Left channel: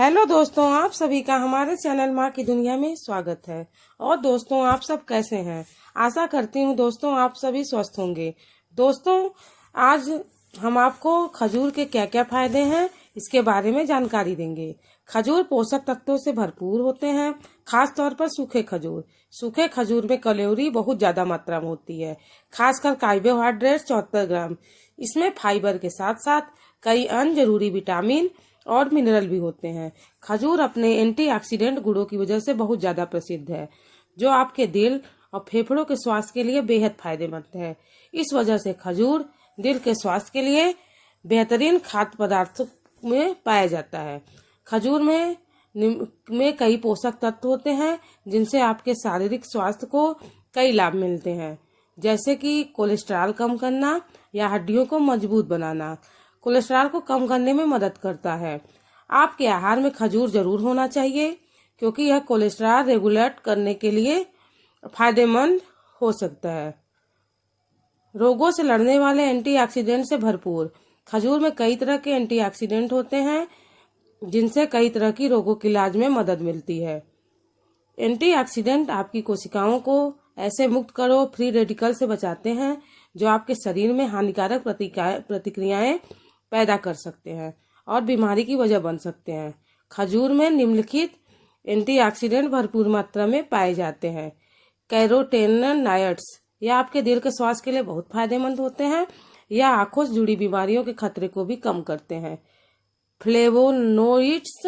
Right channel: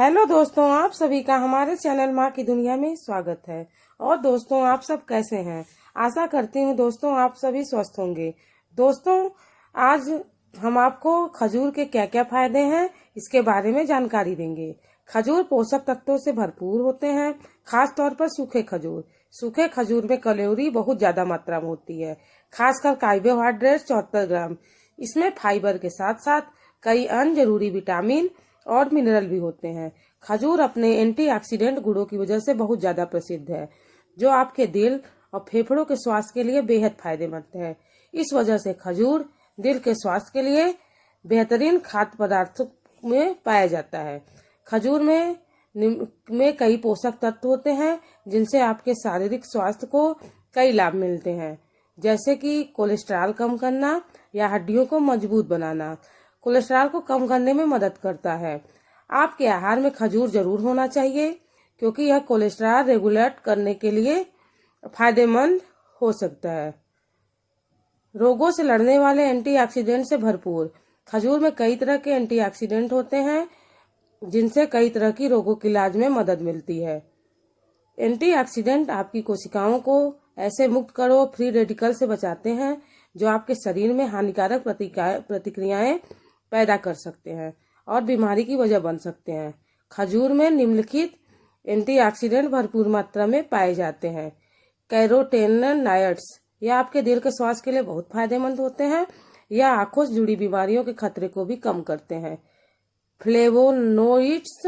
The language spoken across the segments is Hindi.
हेलो दोस्तों, आप सभी का हमारे चैनल माँ की दुनिया में स्वागत है। और दोस्तों, आप सब कैसे हैं? आशा करती हूँ दोस्तों आप सभी स्वस्थ होंगे। दोस्तों, आज हम आपको खजूर के क्या क्या फायदे हैं इसके बारे में जानकारी देंगे। खजूर पोषक तत्वों से भरपूर होते हैं, खास तौर पर सूखे खजूर। सूखे खजूर में कैलोरी बहुत ज्यादा मात्रा में होती है, खासकर कार्बोहाइड्रेट 74 ग्राम। इसमें फाइबर के साथ साथ कई अन्य जरूरी विटामिन और मिनरल भी होते हैं। खजूर अपने एंटीऑक्सीडेंट गुणों की वजह से बहुत ज्यादा प्रसिद्ध है, जो आपके दिल और फेफड़ों के स्वास्थ्य के लिए बेहद फायदेमंद है। इस वजह से खजूर दिल के स्वास्थ्य के लिए बेहतरीन खाद्य पदार्थ में पाया जाता है। खजूर में कई पोषक तत्व होते हैं, जिनसे आपके शारीरिक स्वास्थ्य को कई लाभ मिलते हैं, जैसे कि कोलेस्ट्रॉल कम करना या हड्डियों को मजबूत बनाना। कोलेस्ट्रॉल को कम करने में मदद करता है। आपके आहार में खजूर जरूर होना चाहिए, क्योंकि यह कोलेस्ट्रॉल रेगुलेट करने के लिए फायदेमंद हो सकता है। रोगों से लड़ने वाले एंटीऑक्सीडेंट से भरपूर। खजूर में कई तरह के एंटीऑक्सीडेंट होते हैं, जिनसे कई तरह की रोगों के इलाज में मदद मिलती है। एंटीऑक्सीडेंट आपकी कोशिकाओं को ऐसे मुक्त करो फ्री रेडिकल से बचाते हैं, जो आपके शरीर में हानिकारक प्रतिक्रियाएं पैदा कर सकते हैं और बीमारी की वजह बन सकते हैं। खजूर में निम्नलिखित एंटीऑक्सीडेंट भरपूर मात्रा में पाए जाते हैं। कैरोटेनॉइड्स, यह आपके दिल के स्वास्थ्य के लिए बहुत फायदेमंद होते हैं। यह आंखों से जुड़ी बीमारियों के खतरे को भी कम करते हैं। फ्लेवोनोइड्स,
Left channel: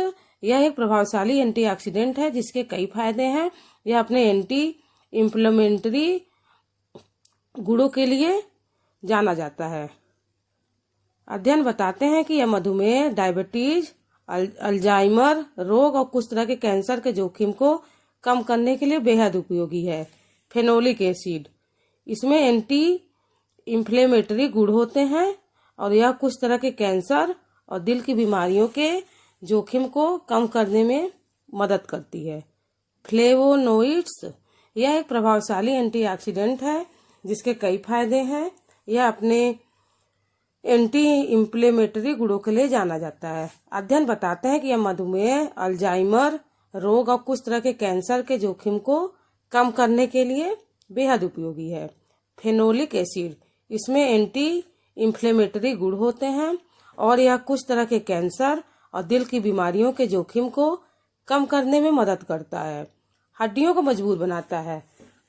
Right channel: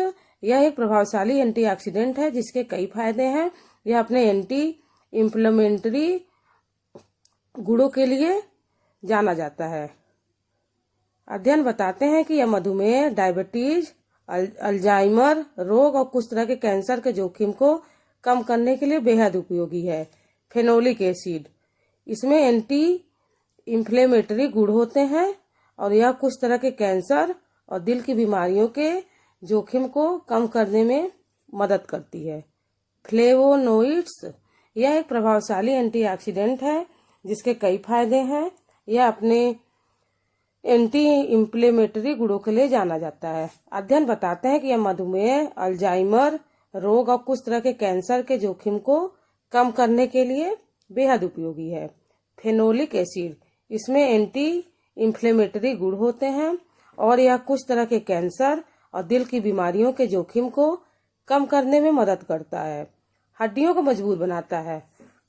यह एक प्रभावशाली एंटीऑक्सीडेंट है जिसके कई फायदे हैं। यह अपने एंटी इंफ्लेमेटरी गुणों के लिए जाना जाता है। अध्ययन बताते हैं कि यह मधुमेह, डायबिटीज, अल्जाइमर रोग और कुछ तरह के कैंसर के जोखिम को कम करने के लिए बेहद उपयोगी है। फेनोलिक एसिड, इसमें एंटी इंफ्लेमेटरी गुण होते हैं और यह कुछ तरह के कैंसर और दिल की बीमारियों के जोखिम को कम करने में मदद करती है। फ्लेवोनोइड्स, यह एक प्रभावशाली एंटीऑक्सीडेंट है जिसके कई फायदे हैं। यह अपने एंटी इंफ्लेमेटरी गुणों के लिए जाना जाता है। अध्ययन बताते हैं कि यह मधुमेह, अल्जाइमर रोग और कुछ तरह के कैंसर के जोखिम को कम करने के लिए बेहद उपयोगी है। फेनोलिक एसिड, इसमें एंटी इंफ्लेमेटरी गुण होते हैं और यह कुछ तरह के कैंसर और दिल की बीमारियों के जोखिम को कम करने में मदद करता है। हड्डियों को मजबूत बनाता है।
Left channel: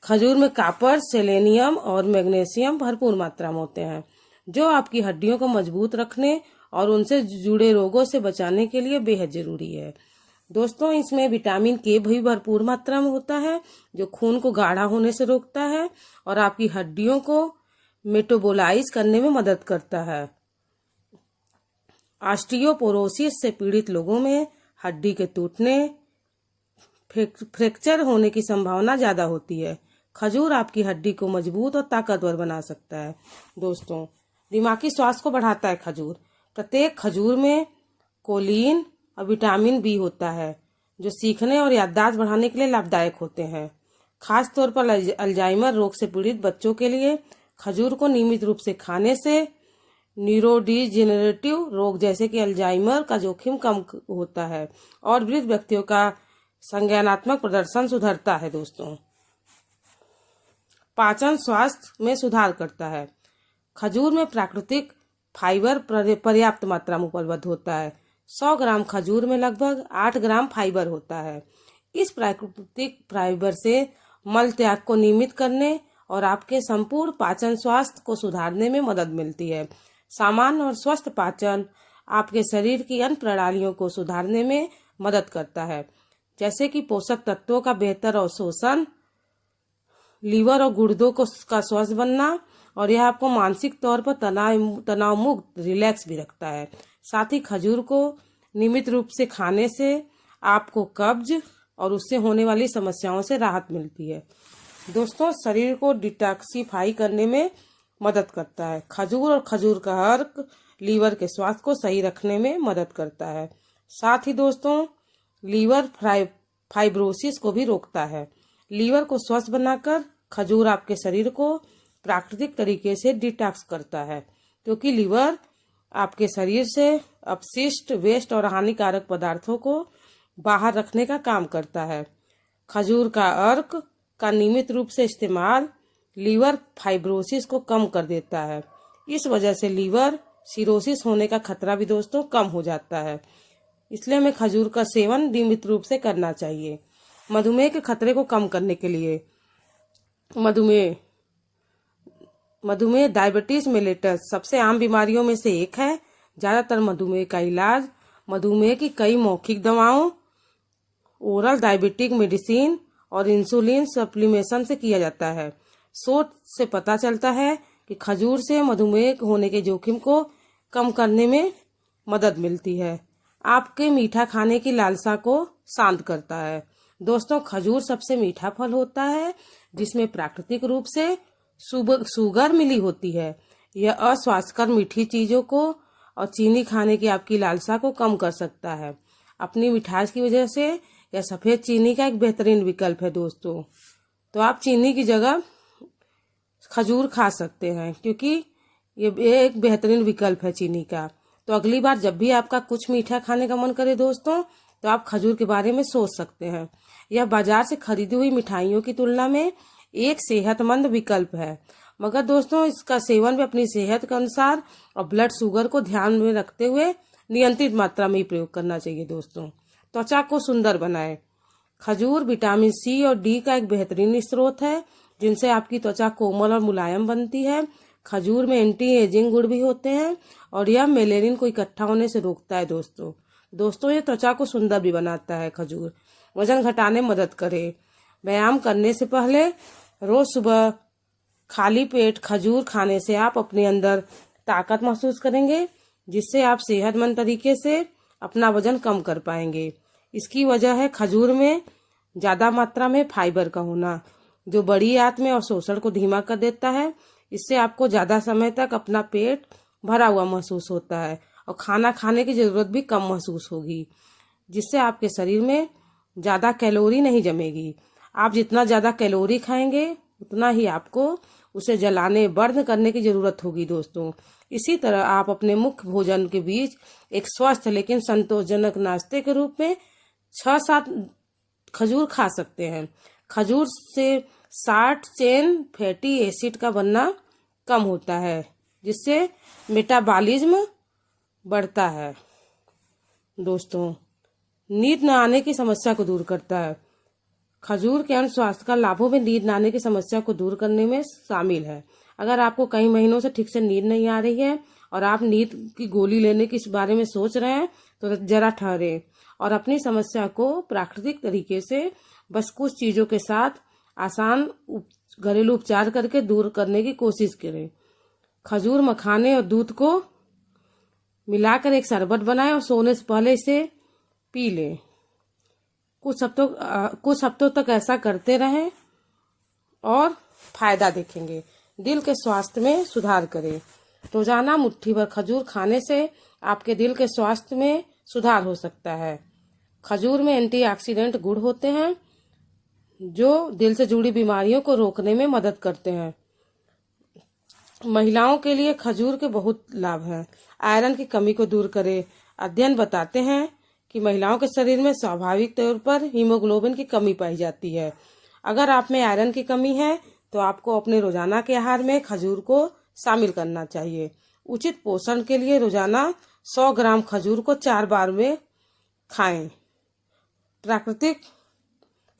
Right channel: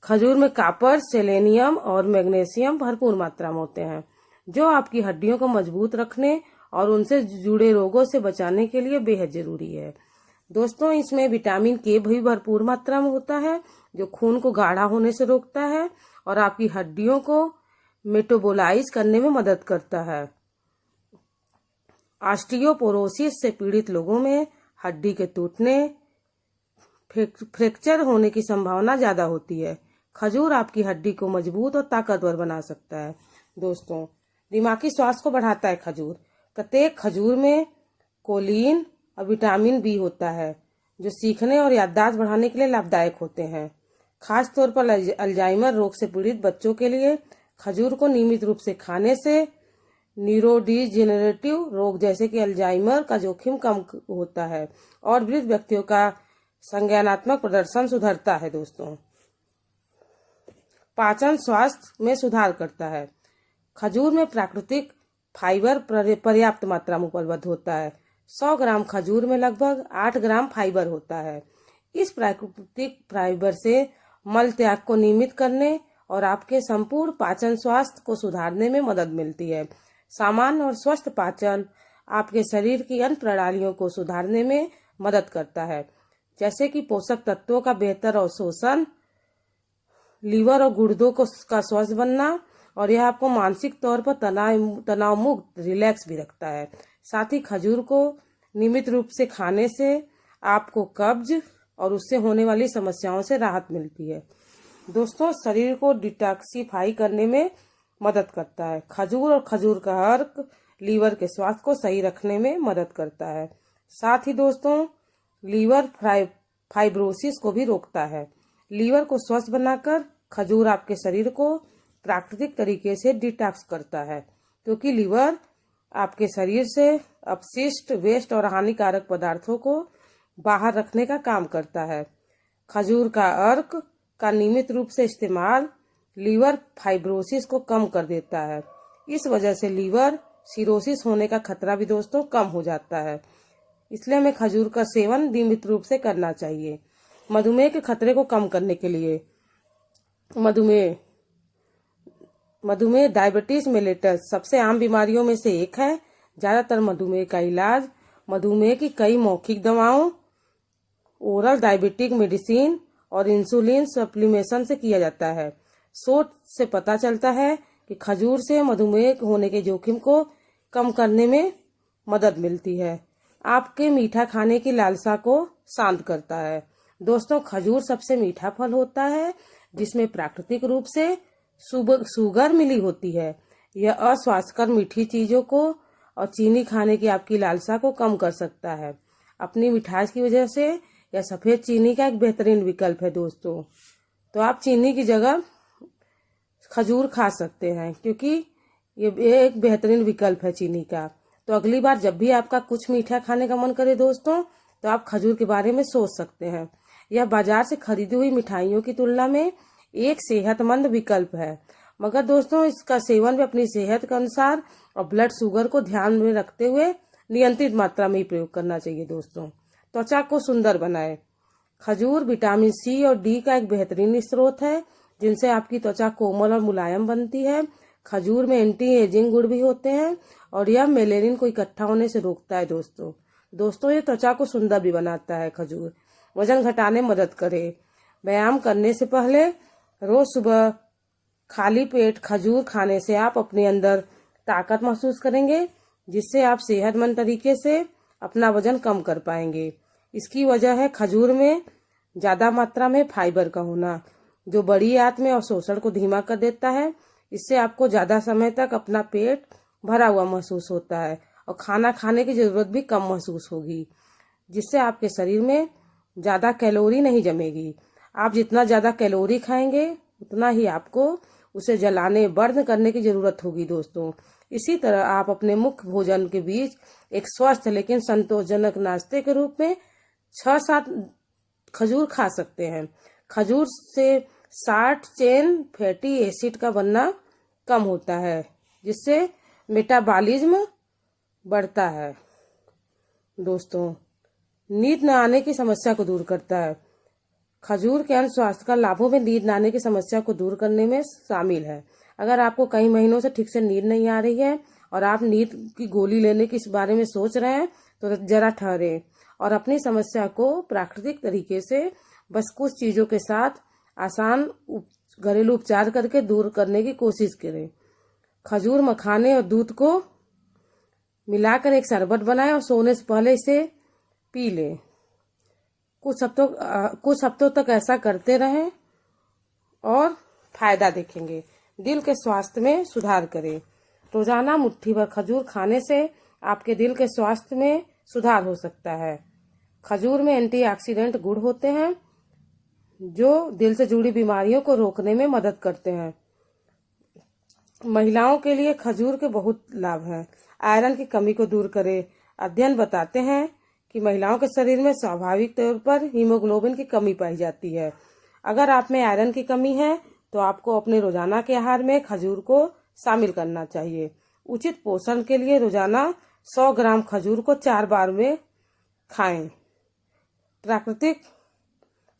खजूर में कॉपर, सेलेनियम और मैग्नीशियम भरपूर मात्रा में होते हैं, जो आपकी हड्डियों को मजबूत रखने और उनसे जुड़े रोगों से बचाने के लिए बेहद जरूरी है। दोस्तों, इसमें विटामिन के भी भरपूर मात्रा में होता है, जो खून को गाढ़ा होने से रोकता है और आपकी हड्डियों को मेटाबोलाइज करने में मदद करता है। ऑस्टियोपोरोसिस से पीड़ित लोगों में हड्डी के टूटने, फ्रैक्चर होने की संभावना ज्यादा होती है। खजूर आपकी हड्डी को मजबूत और ताकतवर बना सकता है। दोस्तों, दिमागी स्वास्थ्य को बढ़ाता है खजूर। प्रत्येक खजूर में कोलिन और विटामिन बी होता है, जो सीखने और याददाश्त बढ़ाने के लिए लाभदायक होते हैं। खास तौर पर अल्जाइमर रोग से पीड़ित बच्चों के लिए खजूर को नियमित रूप से खाने से न्यूरोडिजेनरेटिव रोग जैसे कि अल्जाइमर का जोखिम कम होता है और वृद्ध व्यक्तियों का संज्ञानात्मक प्रदर्शन सुधरता है। दोस्तों, पाचन स्वास्थ्य में सुधार करता है। खजूर में प्राकृतिक फाइबर पर्याप्त मात्रा में उपलब्ध होता है। 100 ग्राम खजूर में लगभग 8 ग्राम फाइबर होता है। इस प्राकृतिक फाइबर से मल त्याग को नियमित करने और आपके संपूर्ण पाचन स्वास्थ्य को सुधारने में मदद मिलती है। सामान्य और स्वस्थ पाचन आपके शरीर की अन्य प्रणालियों को सुधारने में मदद करता है, जैसे कि पोषक तत्वों का बेहतर अवशोषण, लीवर और गुर्दों का स्वस्थ बनना, और यह आपको मानसिक तौर पर तनाव मुक्त रिलैक्स भी रखता है। साथ ही खजूर को नियमित रूप से खाने से आपको कब्ज और उससे होने वाली समस्याओं से राहत मिलती है। दोस्तों, शरीर को डिटॉक्सिफाई करने में मदद करता है। खजूर और खजूर का अर्क लीवर के स्वास्थ्य को सही रखने में मदद करता है। साथ ही दोस्तों, लीवर फाइब्रोसिस को भी रोकता है। लीवर को स्वस्थ बनाकर खजूर आपके शरीर को प्राकृतिक तरीके से डिटॉक्स करता है, क्योंकि लीवर आपके शरीर से अपशिष्ट, वेस्ट और हानिकारक पदार्थों को बाहर रखने का काम करता है। खजूर का अर्क का नियमित रूप से इस्तेमाल लीवर फाइब्रोसिस को कम कर देता है। इस वजह से लीवर सिरोसिस होने का खतरा भी दोस्तों कम हो जाता है। इसलिए हमें खजूर का सेवन नियमित रूप से करना चाहिए। मधुमेह के खतरे को कम करने के लिए मधुमेह डायबिटीज मेलिटस सबसे आम बीमारियों में से एक है। ज़्यादातर मधुमेह का इलाज मधुमेह की कई मौखिक दवाओं, ओरल डायबिटिक मेडिसिन और इंसुलिन सप्लीमेशन से किया जाता है। शोध से पता चलता है कि खजूर से मधुमेह होने के जोखिम को कम करने में मदद मिलती है। आपके मीठा खाने की लालसा को शांत करता है। दोस्तों, खजूर सबसे मीठा फल होता है जिसमें प्राकृतिक रूप से शुगर मिली होती है। यह अस्वास्थ्यकर मीठी चीजों को और चीनी खाने की आपकी लालसा को कम कर सकता है। अपनी मिठास की वजह से यह सफेद चीनी का एक बेहतरीन विकल्प है दोस्तों। तो आप चीनी की जगह खजूर खा सकते हैं क्योंकि ये एक बेहतरीन विकल्प है चीनी का। तो अगली बार जब भी आपका कुछ मीठा खाने का मन करे दोस्तों, तो आप खजूर के बारे में सोच सकते हैं। यह बाजार से खरीदी हुई मिठाइयों की तुलना में एक सेहतमंद विकल्प है, मगर दोस्तों इसका सेवन भी अपनी सेहत के अनुसार और ब्लड शुगर को ध्यान में रखते हुए नियंत्रित मात्रा में ही प्रयोग करना चाहिए दोस्तों। त्वचा को सुंदर बनाए। खजूर विटामिन सी और डी का एक बेहतरीन स्रोत है जिनसे आपकी त्वचा कोमल और मुलायम बनती है। खजूर में एंटी एजिंग गुण भी होते हैं और यह मेलेनिन को इकट्ठा होने से रोकता है दोस्तों ये त्वचा को सुंदर भी बनाता है। खजूर वजन घटाने में मदद करे। व्यायाम करने से पहले रोज सुबह खाली पेट खजूर खाने से आप अपने अंदर ताकत महसूस करेंगे, जिससे आप सेहतमंद तरीके से अपना वजन कम कर पाएंगे। इसकी वजह है खजूर में ज़्यादा मात्रा में फाइबर का होना, जो बड़ी आंत में और शोषण को धीमा कर देता है। इससे आपको ज़्यादा समय तक अपना पेट भरा हुआ महसूस होता है और खाना खाने की ज़रूरत भी कम महसूस होगी, जिससे आपके शरीर में ज़्यादा कैलोरी नहीं जमेगी। आप जितना ज़्यादा कैलोरी खाएंगे उतना ही आपको उसे जलाने बर्न करने की ज़रूरत होगी दोस्तों। इसी तरह आप अपने मुख्य भोजन के बीच एक स्वस्थ लेकिन संतोषजनक नाश्ते के रूप में 6-7 खजूर खा सकते हैं। खजूर से शॉर्ट चेन फैटी एसिड का बनना कम होता है, जिससे मेटाबॉलिज्म बढ़ता है। दोस्तों, नींद न आने की समस्या को दूर करता है। खजूर के अन्य स्वास्थ्य का लाभों में नींद न आने की समस्या को दूर करने में शामिल है। अगर आपको कई महीनों से ठीक से नींद नहीं आ रही है और आप नींद की गोली लेने के इस बारे में सोच रहे हैं, तो जरा ठहरे और अपनी समस्या को प्राकृतिक तरीके से बस कुछ चीज़ों के साथ आसान घरेलू उपचार करके दूर करने की कोशिश करें। खजूर, मखाने और दूध को मिलाकर एक शरबत बनाएं और सोने से पहले इसे पी लें। कुछ हफ्तों तक ऐसा करते रहें और फायदा देखेंगे। दिल के स्वास्थ्य में सुधार करें। रोजाना मुट्ठी भर खजूर खाने से आपके दिल के स्वास्थ्य में सुधार हो सकता है। खजूर में एंटीऑक्सीडेंट गुण होते हैं जो दिल से जुड़ी बीमारियों को रोकने में मदद करते हैं। महिलाओं के लिए खजूर के बहुत लाभ हैं। आयरन की कमी को दूर करे। अध्ययन बताते हैं कि महिलाओं के शरीर में स्वाभाविक तौर पर हीमोग्लोबिन की कमी पाई जाती है। अगर आप में आयरन की कमी है तो आपको अपने रोजाना के आहार में खजूर को शामिल करना चाहिए। उचित पोषण के लिए रोजाना 100 ग्राम खजूर को 4 बार में खाएं। प्राकृतिक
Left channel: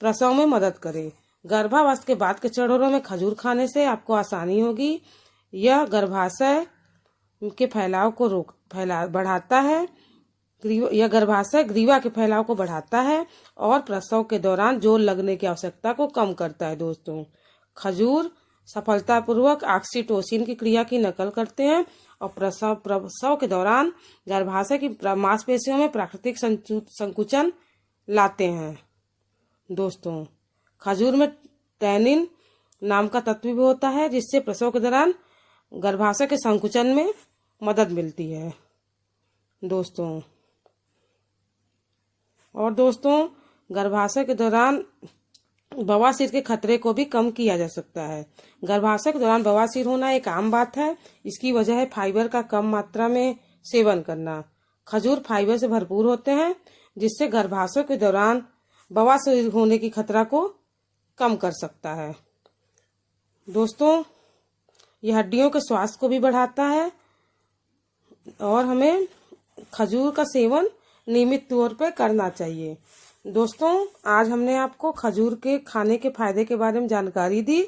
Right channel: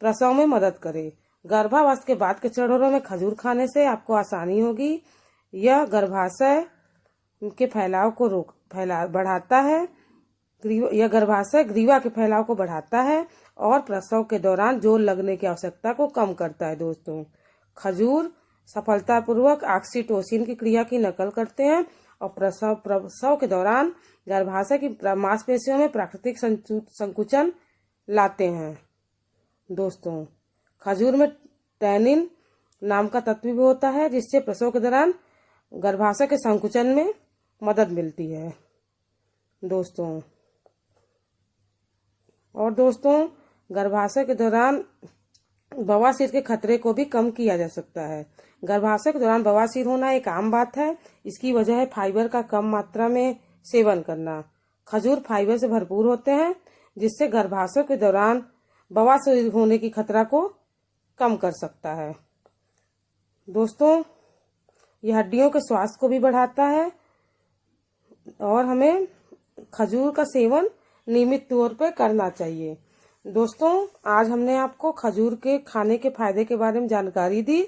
प्रसव में मदद करे। गर्भावस्था के बाद के चरणों में खजूर खाने से आपको आसानी होगी। यह गर्भाशय के फैलाव को बढ़ाता है। यह गर्भाशय ग्रीवा के फैलाव को बढ़ाता है और प्रसव के दौरान जोर लगने की आवश्यकता को कम करता है। दोस्तों, खजूर सफलतापूर्वक ऑक्सीटोसिन की क्रिया की नकल करते हैं और प्रसव के दौरान गर्भाशय की मांसपेशियों में प्राकृतिक संकुचन लाते हैं। दोस्तों, खजूर में टैनिन नाम का तत्व भी होता है जिससे प्रसव के दौरान गर्भाशय के संकुचन में मदद मिलती है। दोस्तों, गर्भाशय के दौरान बवासीर के खतरे को भी कम किया जा सकता है। गर्भाशय के दौरान बवासीर होना एक आम बात है। इसकी वजह है फाइबर का कम मात्रा में सेवन करना। खजूर फाइबर से भरपूर होते हैं, जिससे गर्भाशय के दौरान बवासीर होने की खतरा को कम कर सकता है। दोस्तों, यह हड्डियों के स्वास्थ्य को भी बढ़ाता है और हमें खजूर का सेवन नियमित तौर पर करना चाहिए। दोस्तों, आज हमने आपको खजूर के खाने के फायदे के बारे में जानकारी दी।